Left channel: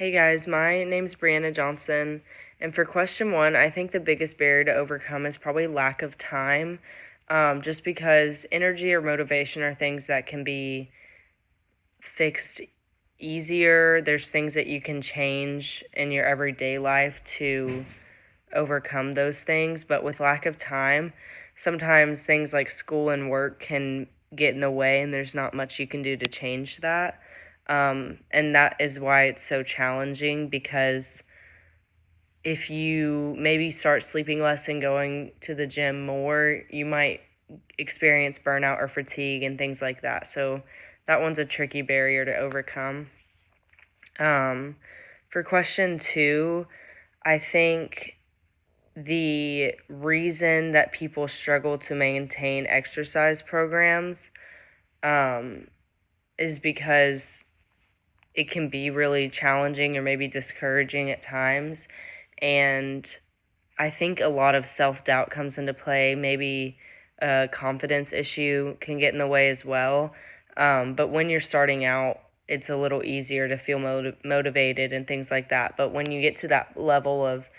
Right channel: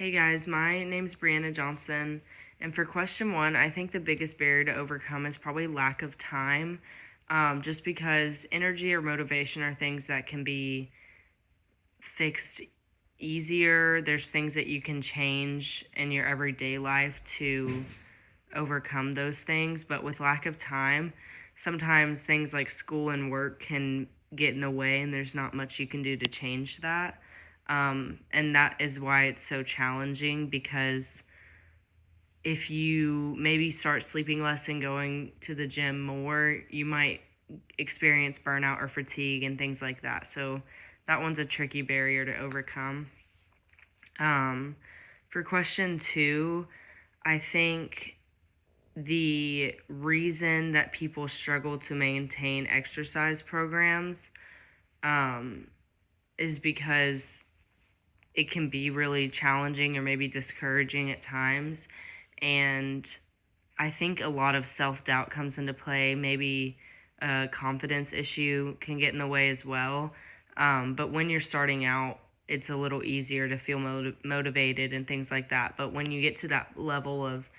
Hey guys, my name's Brianna Johnson, and for question one, I think the biggest barrier to overcome is probably lack of time, just because energy or motivation are things that can be fixed easier. There's things that you can change in your everyday life to overcome those things, but with lack of time, sometimes things like school and work can get in the way, and there's not much you can do to change that. And that is why it's so challenging, because if you maybe start sleeping less and going to the gym more, you might experience burnout or fatigue and things like that. So that one's a tricky barrier to overcome. For question two, I think the reason that people struggle to maintain exercise programs is because it can be really challenging or maybe discouraging at times. And I think a lot of self-doubt comes into play. Maybe a confidence issue can get in the way as well. But when you're starting out, it's a little easier to feel motivated and things like that. But when you get to that level of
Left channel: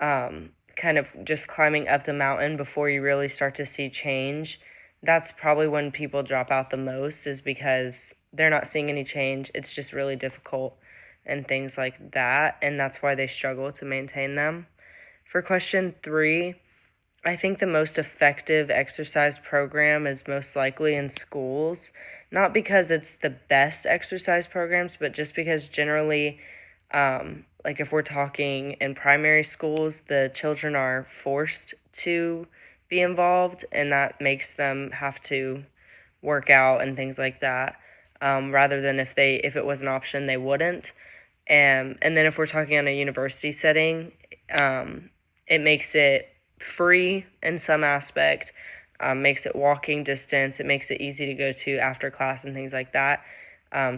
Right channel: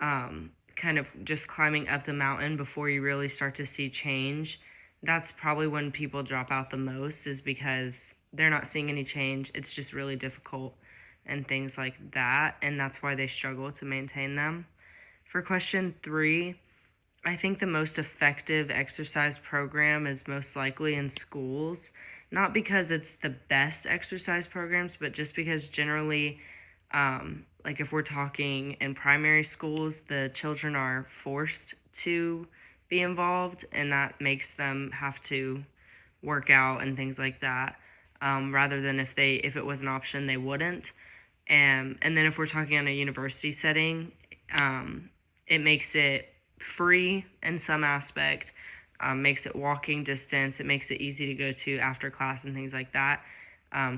kind of just climbing up the mountain before you really start to see change, that's probably when people drop out the most, is because they're not seeing any change. It's just really difficult and things like that, and that's why they struggle to maintain them. For question three, I think the most effective exercise program is most likely in schools, not because it's the best exercise programs, but just because generally, like if we're talking in primary schools, the children are forced to be involved, and that makes them have to work out and things like that, rather than if it was an option, they wouldn't. And then if we're talking on a university setting, it makes it free in some aspect, makes it walking distance, it makes it easy to go to after class and things like that.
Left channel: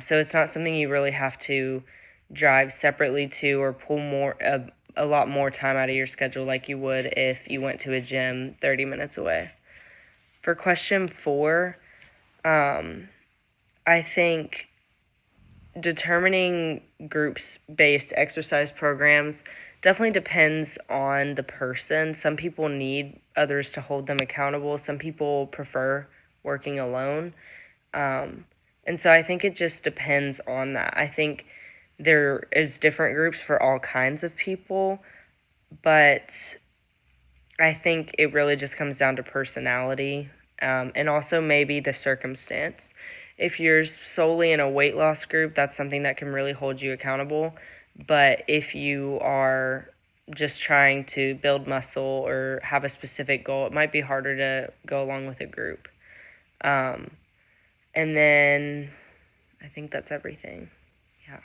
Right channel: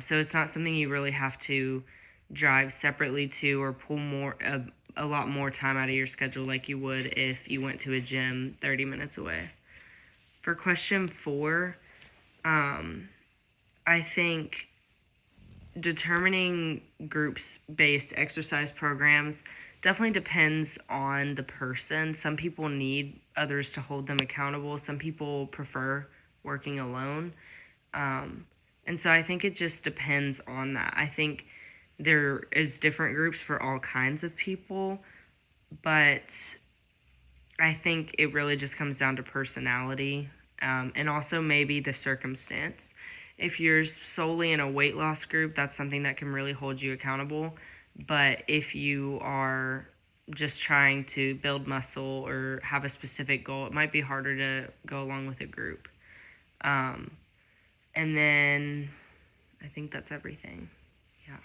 So it's not something you really have to drive separately to or pull a lot more time out of your schedule like you would if you went to a gym 30 minutes away. For question four, I think determining groups-based exercise programs definitely depends on the person. Some people need others to hold them accountable. Some people prefer working alone. And so I think it just depends on that. I think there is different groups for all kinds of people, but I think it really just comes down to personality, and also maybe the circumstance. If you're solely in a weight loss group, that's something that can really hold you accountable. But if you are just trying to build muscle or have a specific goal, it might be harder to go along with a group. And then I think that's everything. Yeah.